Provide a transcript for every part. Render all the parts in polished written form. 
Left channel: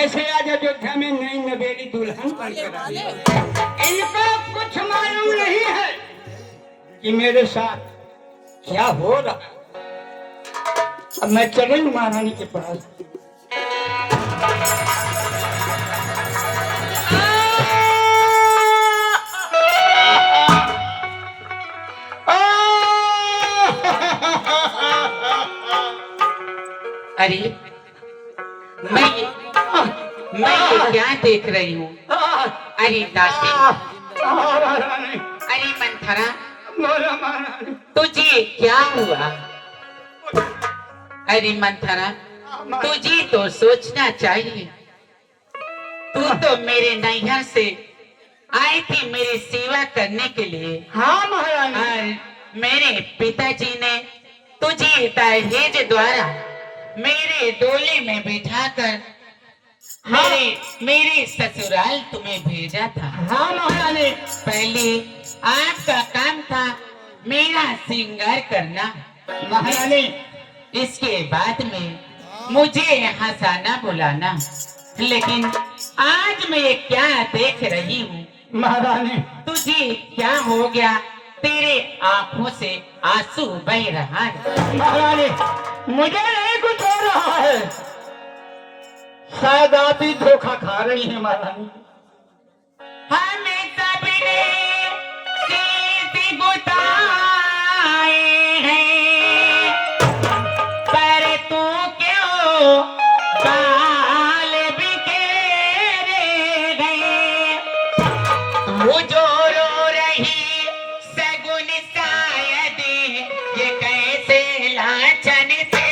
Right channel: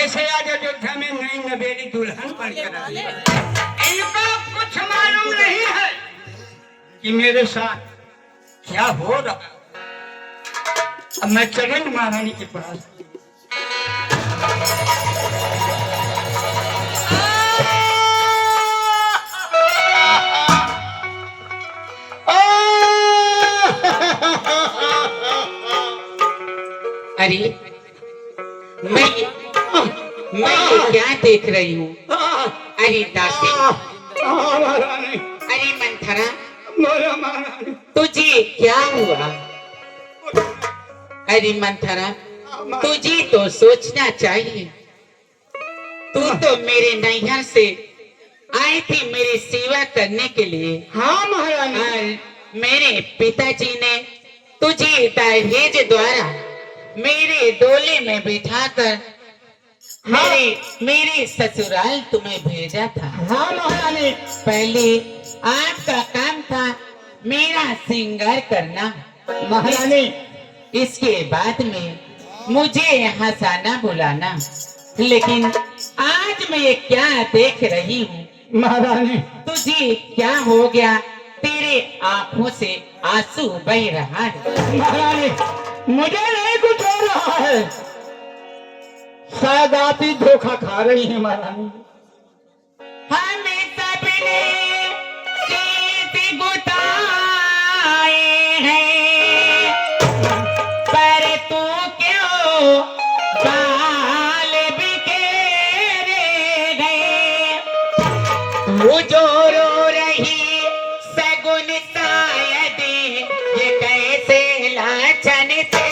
जैसे आज अयोध्या में नई नवेली दुल्हन पर इनको कुछ मालूम नहीं है कि मेरे साथ क्या हो रहा। अब मैं चरण महारानी के पास अरे मैं ये क्या देख रही हूँ? अरे दासी, अरे मंथरा, तुझे क्या हुआ? अरे मंथरा, तुझे तो सोचना चाहिए। तू तो मेरे नैहर से आई थी मेरी सेवा करने के लिए। हाँ महारानी। मेरे पिताजी ने तुझे दहेज द्वारा मेरे डोले में बिठाकर मेरे ससुराल तुम्हें भेजा था। हाँ महारानी। पहले आपका काम था मेरा श्रृंगार करना महारानी। इसके बाद में मुझे हंसाना बुलाना। लेकिन आज मैं ये क्या देख रही हूँ? महारानी, तुझे क्या हो गया? तेरे आंखों से आंसू बह रहा है। महारानी, मुझे नहीं कुछ हो रहा है। शायद आप ही धोखा खा रही हैं महारानी। हमें सबने चीज़ बुताए हैं, पर तू क्यों गाल बिखेरे गए? वो जो रो रही सगुन शायद ये कैसे लाछन से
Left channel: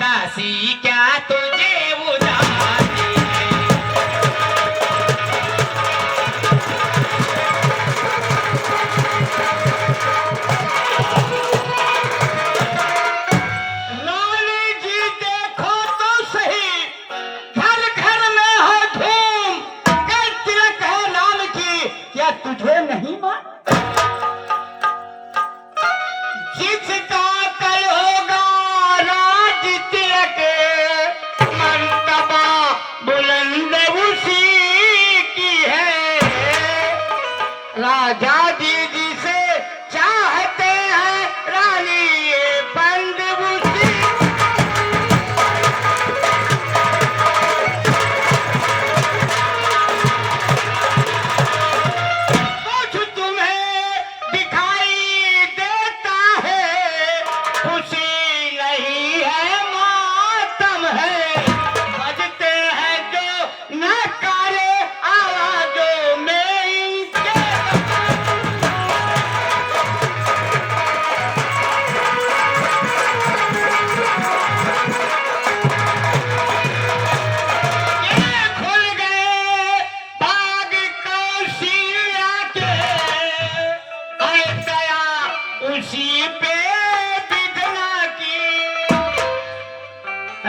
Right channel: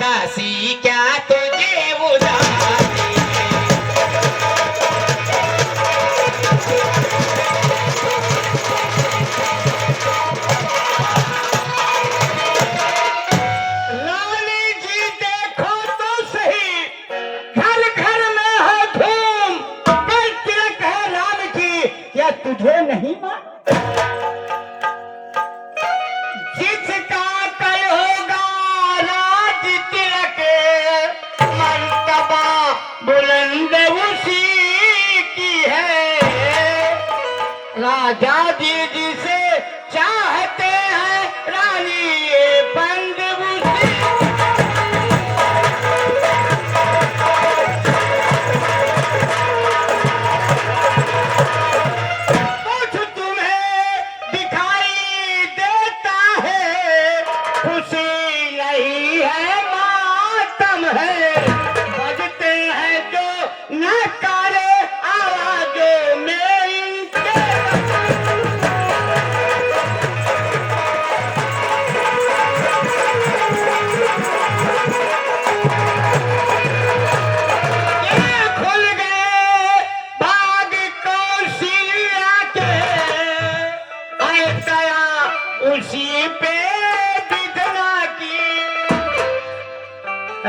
दासी क्या तुझे बुझा? रानी जी देखो तो सही, हर घर में है धूम। कल तिलक है राम की, क्या तुझे नहीं मालूम? जिसका कल होगा राज तिलक, मर्तबा बुलंद उसी की है। राजा जी जिसे चाहते हैं रानी ये बंद उसी। कुछ तुम्हें दिखाई देता है, खुशी नहीं है मातम है। बजते हैं जो नकारे आवाजों में इनके। ये खुल गए बाग कौशल्या के, और गया उसी पे विधवा की।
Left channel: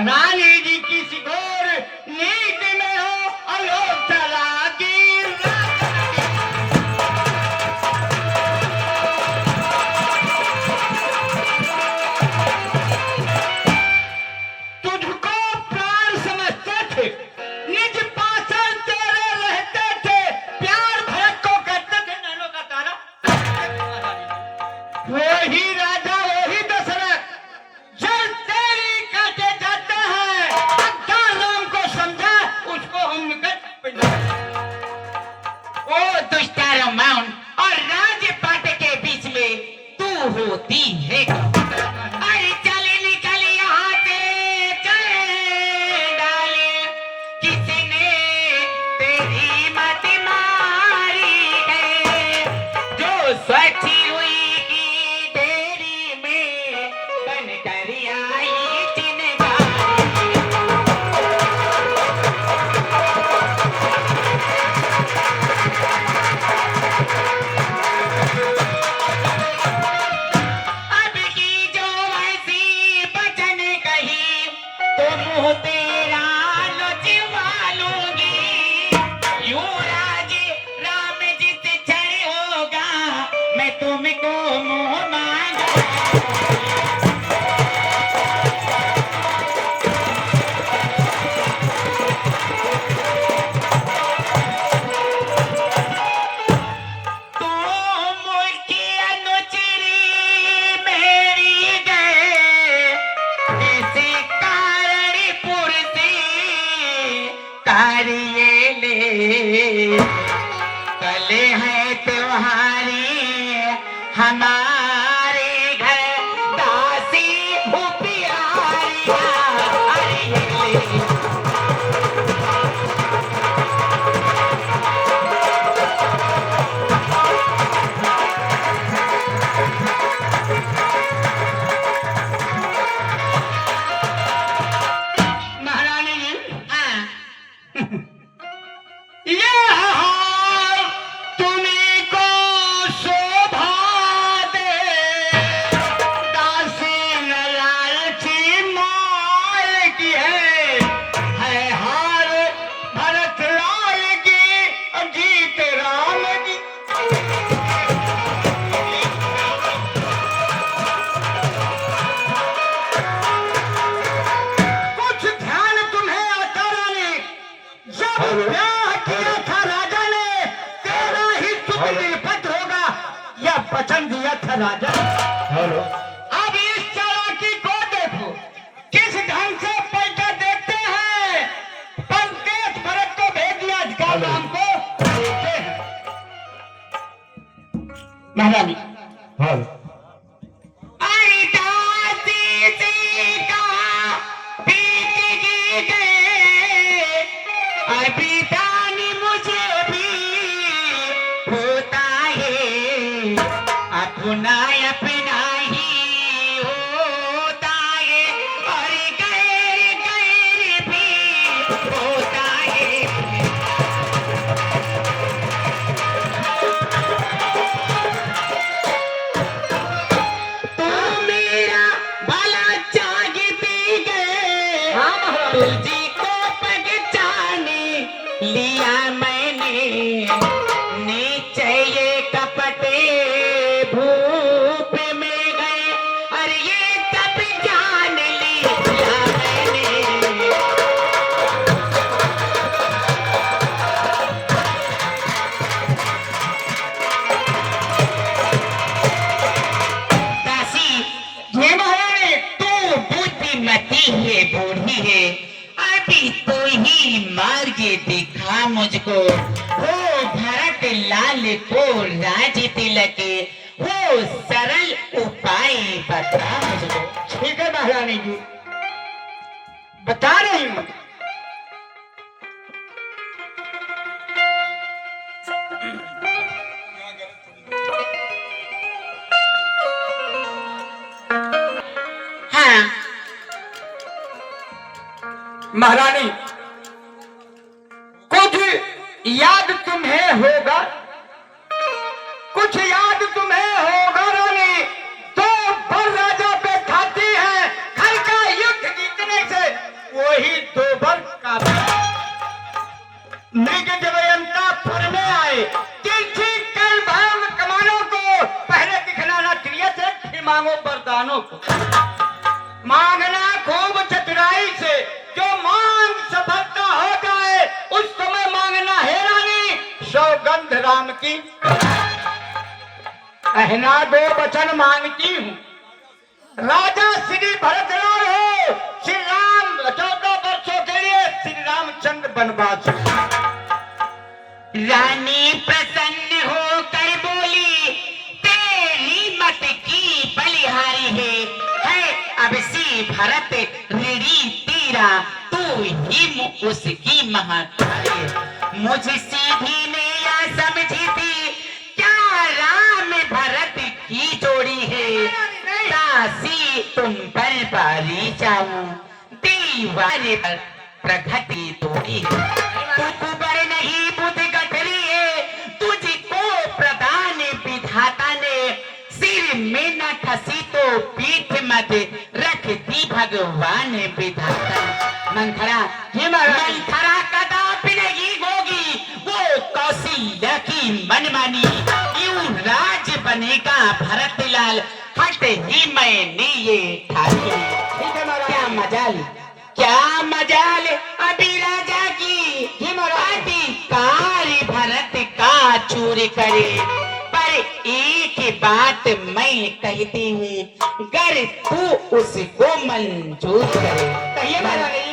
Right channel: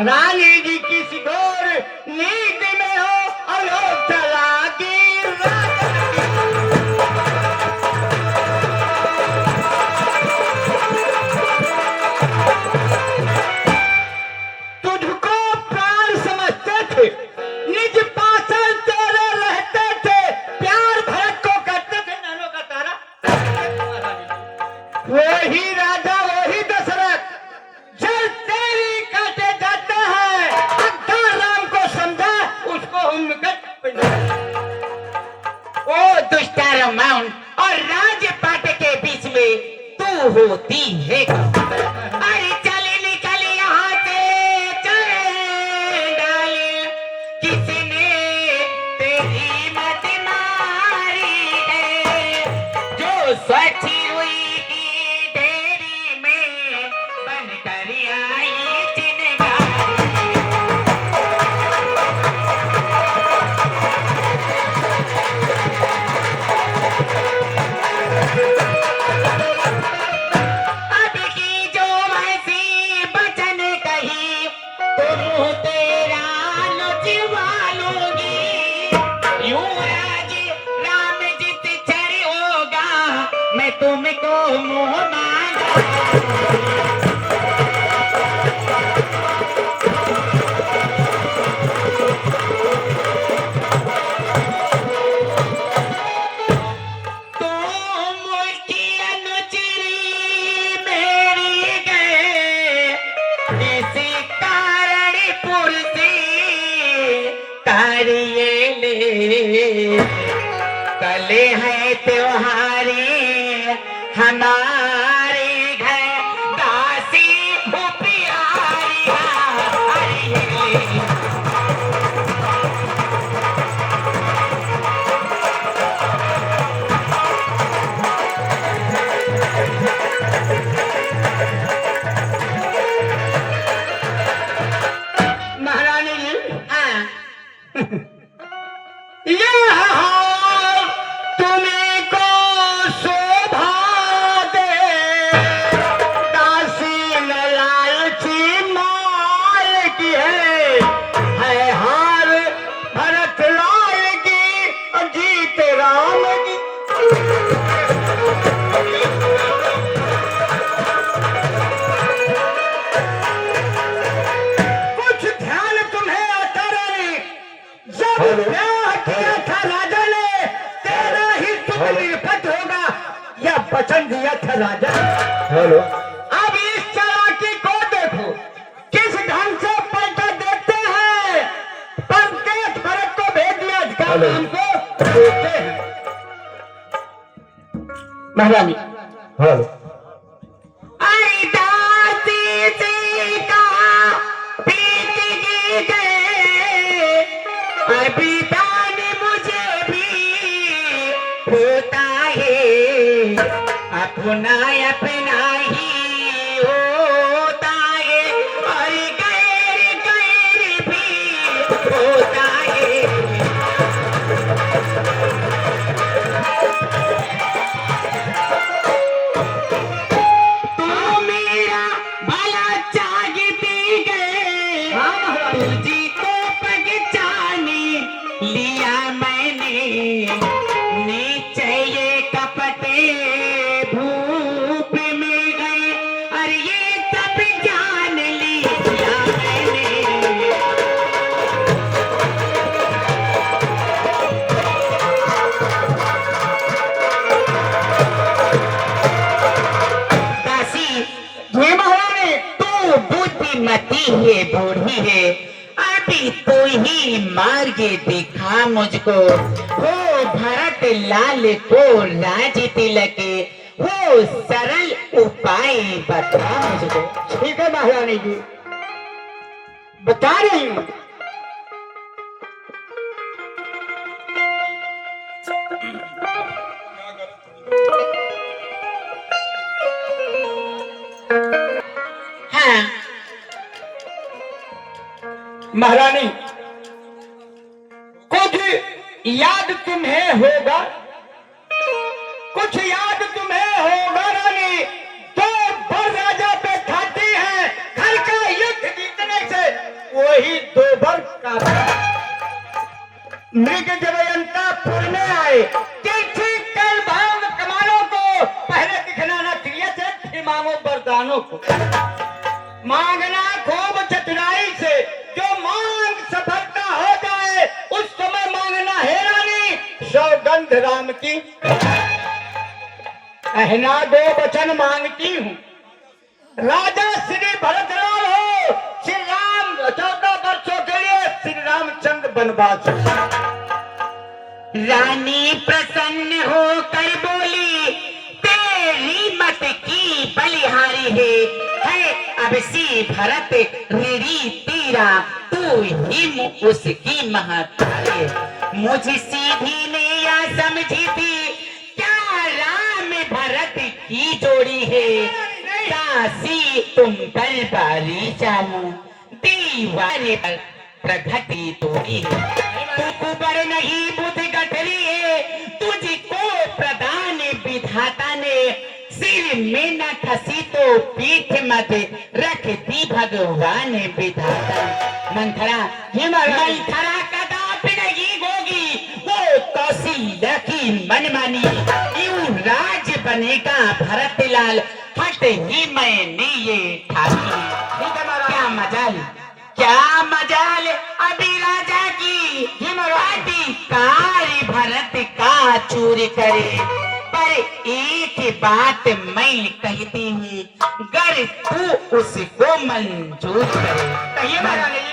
रानी जी किसी घोर नींद में हो, अलोक चला की रात। तुझको प्राण समझते थे, निज पासन तेरे रहते थे। प्यार भरत को करते थे नैनों का तारा। वही राजा वही दशरथ जो तेरी काटे जाते हैं। अक्का राम को समझा, उसको हम निकट ओ दुष्टा माउंट और राजपाट के बीच में तू होती है। अरे चले निकल यहाँ से, चले डाले किसने तेरी मत मारी है? जो स्वच्छ हुई की ढेरी में बनकर आई चिनगारी। चले हैं त्योहारे हमारे घर दासी भूपियारी महारानी जी, हाँ यह हार तुम्हीं को शोभा दे, दासी न लालची माल की है हार भरत लाल की, जीत राम की। कुछ ध्यान तुम्हें आता रानी, जब ब्याह किया था राजा ने, तेरा ही सुख निरपत होगा, यह वचन दिया था राजा ने। अब इस चालाकी को देखो, किस ढंग से पलटा देखते हैं। परदेश भरत को भेज दिया, अधिकार हमको देते हैं। महारानी, अरे दासी से कहा प्रीत की गए, अभी दानी मुझे भी होता है, अपना अपना ही होता है, और गैर गैर भी होता है। तू मेरा भला चाहती गए, तुझी को पहचाने लिया मैंने, नीचे कपटे भूप में गए, और ये सब जान लिया मैंने। दासी, ये महारानी, तू बुद्धिमती है, बूढ़ी है, अभी तू ही मार्ग दिखा मुझको, हो भरत लाल को राज तिलक, हो सरल उपाय बता मुझको। ठीक है महारानी जी, बता रही हूँ। हाँ महारानी, कुछ याद तुम्हें होगा, कुछ याद तुम्हें होगा रानी, तो बर राजा पे खाते हैं, घर का युद्ध जीतने से वही दो बर का मृग जयंतापुर में आए, तीर्थी कर भाव कमानों को पहले दिखलाना चाहिए थे, फिर मांगो वरदानों को। मांगना खूब चतुराई से, जो मांग सफलता हो जाए उस समय मांगना है रानी, सौगंध राम की कहना दो वचन मांगती हूँ। राजा श्री भरतलाल हो, श्री राम 14 वर्षों के लिए श्री रामचंद्र वनवास। रानी प्रसन्न होकर बोली, तेरी मत की बलिहारी है अब सी भरत ऋणी तेरा, तू ही उसकी महतारी। मुझे सीधी ने या समझी थी, क्या राम भरत की जोड़ी है, दासी तुम पर बारी जाऊं, दीवाने पर प्रगति थोड़ी बर नहीं बुद्ध गठरी है, तुझको प्रदान विधाता ने, सिर में न खसी तो पीठ मत रख दी भगवान विधाता। मंथरा मंथरा कदापि नहीं होगी वो कौशल्या की मनमानी, यूं राज बनेगा भरत लाल, हट ही मैंने ये ठानी। क्या मजाल, क्या मजाल अभी राजा की, अधिकार भरत का चूर करे, पर एक बात मैं कहती हूँ, गर तू उसको मंजूर करे। कहिए महारानी।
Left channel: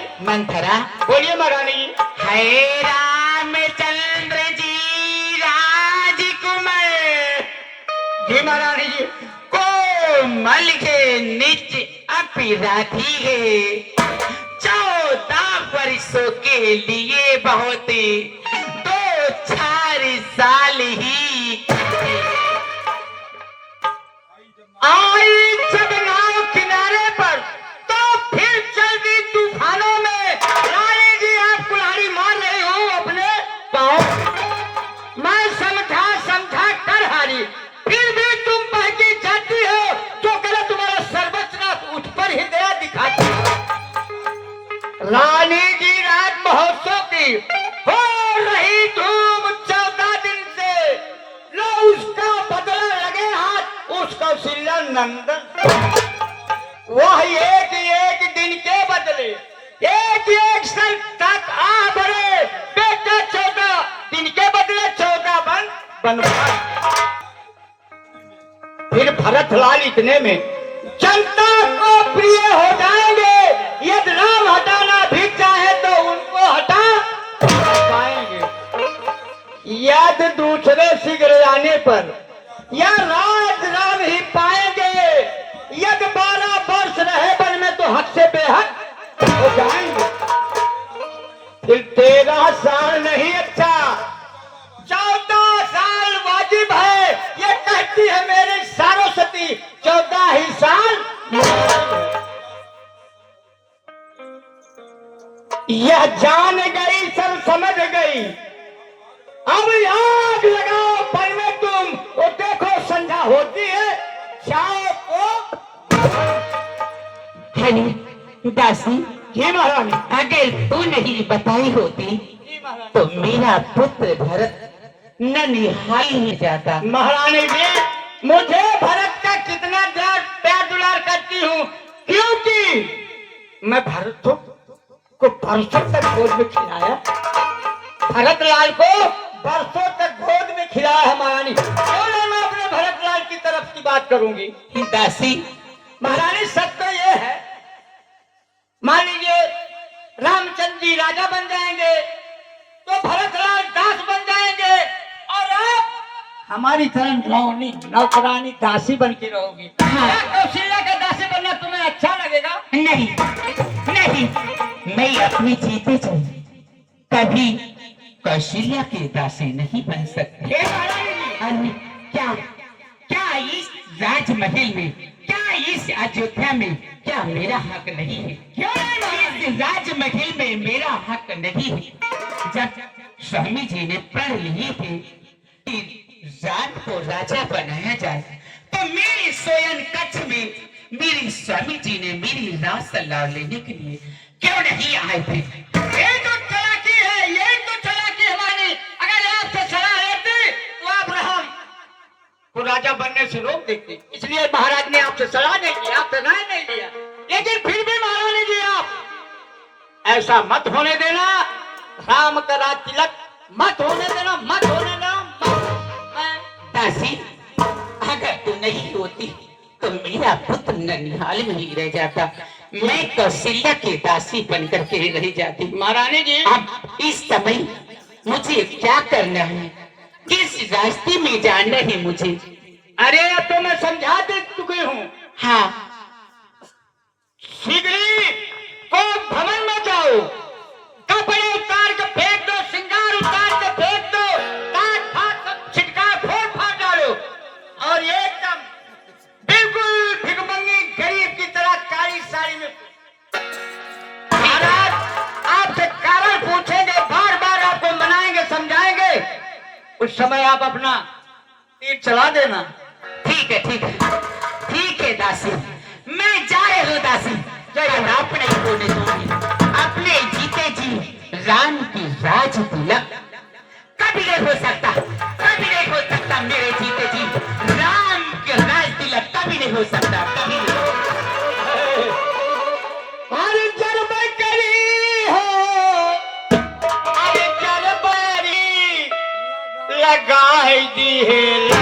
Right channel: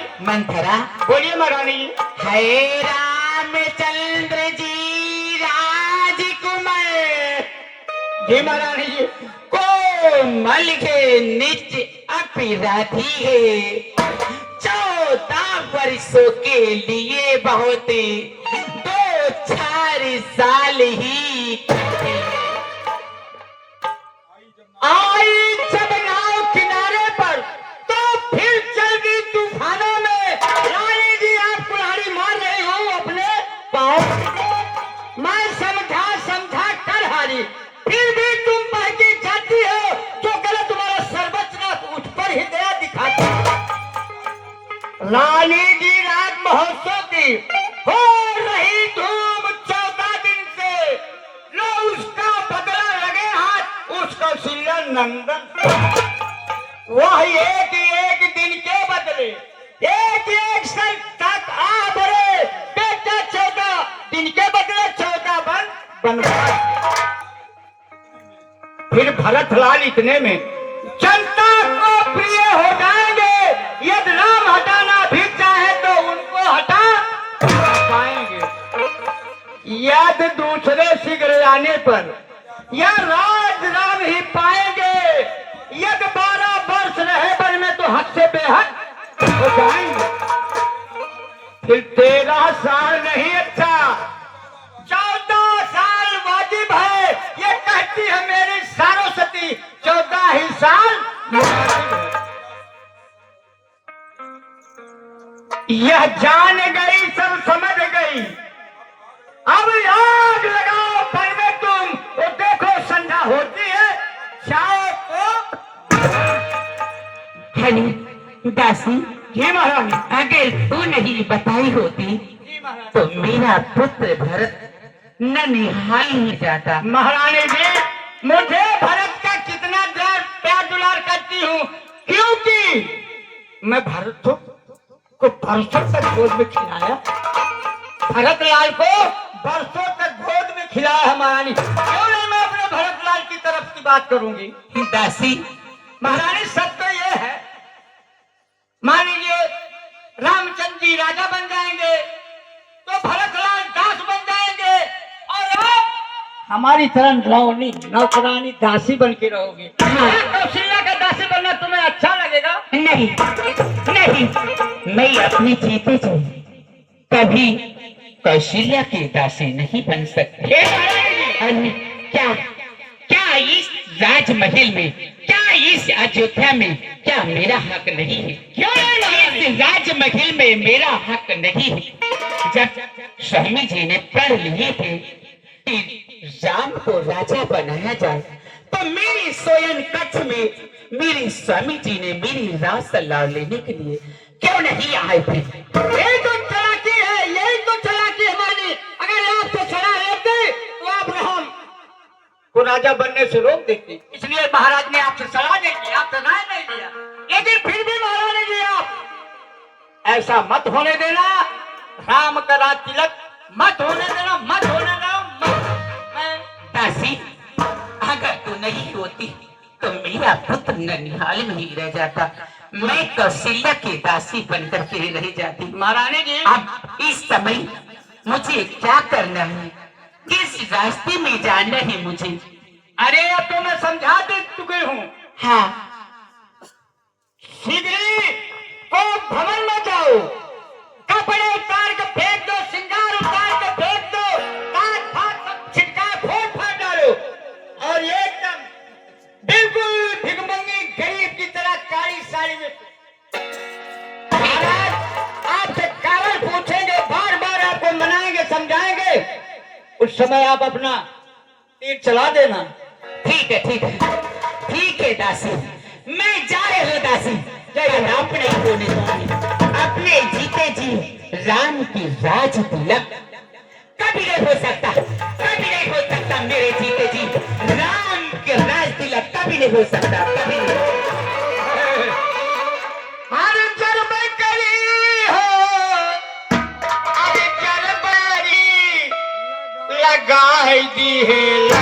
जी महारानी जी। कोमल के निज अपराधी है, 14 वर्षों के लिए बहुत 2-4 साल ही काटे। आई जब नाव किनारे पर तो फिर चल दी तूफानों में। रानी जी आप कुल्हाड़ी मार रहे हो अपने पाँव। मैं समझा कर हारी, फिर भी तुम बहकी जाती हो, जो करे तुम्हारा सर्वस्व उठ पर हृदय दिखाती। रानी जी रात महोत्सव की हो रही धूम 14 दिन से, लो उसका बदला लगे हाथ उस कौशल्या नंदन। वह एक दिन के बदले एक साल तक आ भरे बेटा 14 दिन के बदले 14 बनवाए। फिर भरतलाल इतने में जनता को प्रिय हो जाएंगे। यदि राम हटाना भी चाहे तो उनको हटा पाएंगे। यदि दूसरे शीघ्र आने पर या राज राम ही पाएंगे। यदि 12 वर्ष रहे वन में तो हद से बेहद हो जाएंगे। फिर 13 साल नहीं अच्छा, 14 साल वाजिब है। ये कहती है मेरी सारोसती, 14 ही साल। यह जान गई, सब समझ गई। अब आग लगाओ पर में तुम, और देखो संध्या होती है शाम को। हनी दासी, जी महारानी। अगर तू नहीं बताई होती जी महारानी। तो मेरा पुत्र भरत ननिहाल में जाता। महारानी जी, मुझे भरत का कितना प्यार दुलार करती हूँ, क्योंकि मैं भरत को बरसों तक गोद में खिलाया। भरत लाल को बरसों तक गोद में खिलाया है महारानी। क्यों नहीं मैं अपने भरत लाल की तरफ की बात करूंगी। दासी, महारानी सत्य तो ये है, मान लीजिए रामचंद्र जी राजा बन जाएंगे तो भरत लाल दास बन जाएंगे, और आप हमारी तरह नौकरानी दासी बन के रहोगी। कौशल्या का दासी बनना तुम्हें अच्छा लगेगा? नहीं नहीं, मैं अपने जीते जी कभी कौशल्या की दासी नहीं बन सकती। क्या क्या इस राजमहल में, क्या इस अयोध्या में क्या मेरा हक नहीं है? क्यों नहीं? इस राजमहल में मेरा हक नहीं है। जब स्वामी जी ने पढ़ लिए थे कि राम को राजा बनाया जाए, तो मेरी सोयन कक्ष में मेरे स्वामी जी ने मेरी राज सलाह लेने के लिए क्यों नहीं आए थे? यही तो चालाकी है, यही तो चालाकी हमारी। अगर आपसे सलाह लेते तो आप राम को राजा बनने से रोक देती। इसलिए महाराज ने आपसे सलाह नहीं की, आपसे राय नहीं लिया। लेकिन फिर भी महारानी जी आप ऐसा मत होने देना, राम का राज तिलक मत होने देना, मत होने देना। दासी, अगर तू नहीं होती तो मेरा पुत्र ननिहाल में ही रह जाता। मैं कौशल्या की दासी बनकर फिर रह जाती। महारानी जी, अब इस समय मुझे क्या करना है, किस रास्ते में जाना है मुझे? अरे अब तो मैं समझा दे चुके हूँ। हाँ, शीघ्र को भवन में जाओ, कपड़े उतार के फेंक दो, श्रृंगार उतार के फेंक दो, काट फाट सब छिटका फोड़ फाड़ डालो, और एकदम बिल्कुल भिगमंगी गरीब की तरह काली साड़ी में। महाराज आपसे कारण पूछेंगे, बार बार आपको मनाएंगे, समझाएंगे, उस समय आप अपना तीर चला देना। ठीक है ठीक है ठीक है दासी, मैं जाए हो दासी। अपने होने दूंगी, अपने जीते जी राम की राज तिलक कभी नहीं हो सकता, कभी नहीं हो सकता। मेरे जीते जी राम के राज तिलक कभी नहीं हो सकता, कभी नहीं। अरे जरबे करी हो, अरे जरबारी लगाई दी है।